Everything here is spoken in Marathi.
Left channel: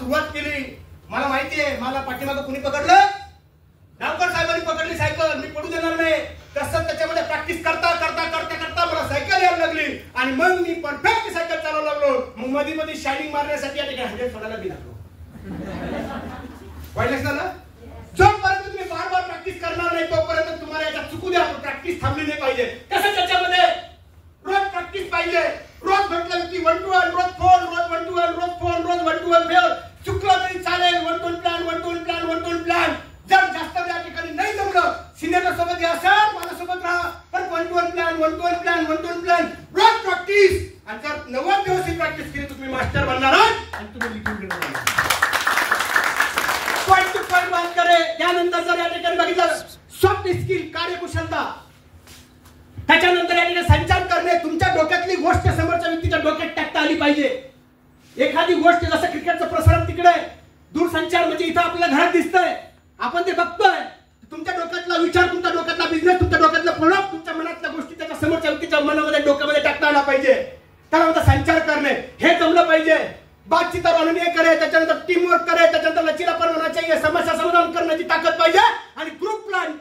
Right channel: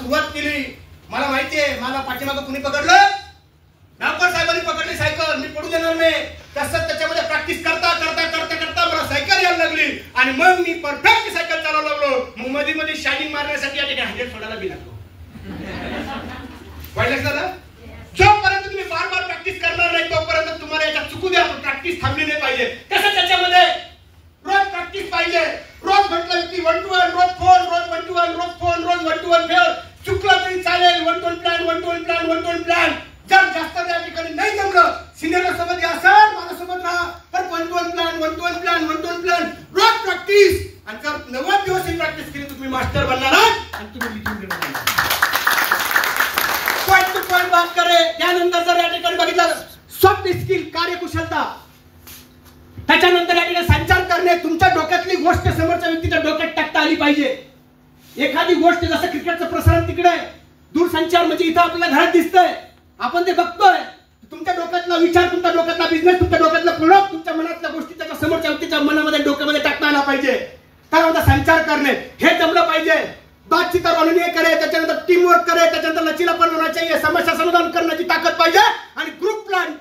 सुरुवात केली, मला माहितीये मला पाठीमागं कुणी पकडलं, डावकर साहेबांनी पकडली सायकल, मी पडू देणार नाही. तसंच त्याच्यामध्ये प्रॅक्टिस करता करता करता करता मला सायकल यायला लागली आणि मग मी परफेक्ट सायकल चालवायला लागलो. मग मध्ये मध्ये शायनिंग मारण्यासाठी या ठिकाणी हँडल सोडायला बी लागलो. वाईटच ना? जोपर्यंत तुम्ही बार बार प्रॅक्टिस करणार नाही तोपर्यंत तुम्हाला याच्यात चुकू द्या, प्रॅक्टिस थांबली नाही पाहिजे. कसं त्याच्यामध्ये रोज प्रॅक्टिस पाहिजे. रोज म्हटलं की 1 to 1 रोज फोन, रोज 1 to 1 रोज फोन, रोज 1 to 1 फेवर. चुकलं तरी चालेल, 1 to 1 plan, 1 to 1 plan, 1 to 1 plan. जर जास्त त्या ठिकाणी नाही जमलं, सिनियर सोबत या सर माझ्यासोबत राहा, पण 1 to 1 plan, 1 to 1 plan, 1 to 1 plan, रोज प्रॅक्टिस. आणि जर 90 दिवस ही प्रॅक्टिस केली तुम्ही मास्टर बनणार आहात आणि तुम्ही लिखून घेणार. पॉइंट टू पॉइंट बात करे. त्यानंतर जर या ठिकाणी बघितलं सॉफ्ट स्किल, कार्यकुशलता, त्याच्यानंतर या ठिकाणी संचार करणे. तुमच्या डोक्यातली गोष्ट समोरच्या व्यक्तीच्या डोक्यात टाकता आली पाहिजे. एखादी गोष्ट जसं क्रिकेटचं प्रसारण तिकडे, दूरसंचार म्हणजे इथं आपल्याला घरात दिसतंय, आपण ते बघतोय. तुमच्या डोक्यातला विचार, तुमच्या डोक्यातला बिझनेस, तुमच्या डोक्यातला प्रोडक्ट, तुमच्या मनातल्या गोष्टी त्याच्या समोरच्या व्यक्तीच्या मनामध्ये, डोक्यामध्ये टाकता आला पाहिजे. त्यानंतर संचार करणे हे जमलं पाहिजे. बातचीत रणनीय करे, त्याच्यानंतर टीम वर्क करे, त्याच्यानंतर लचीलापणा चाहिए, समस्या समाधान करण्याची ताकद पाहिजे आणि ग्रुप प्लॅन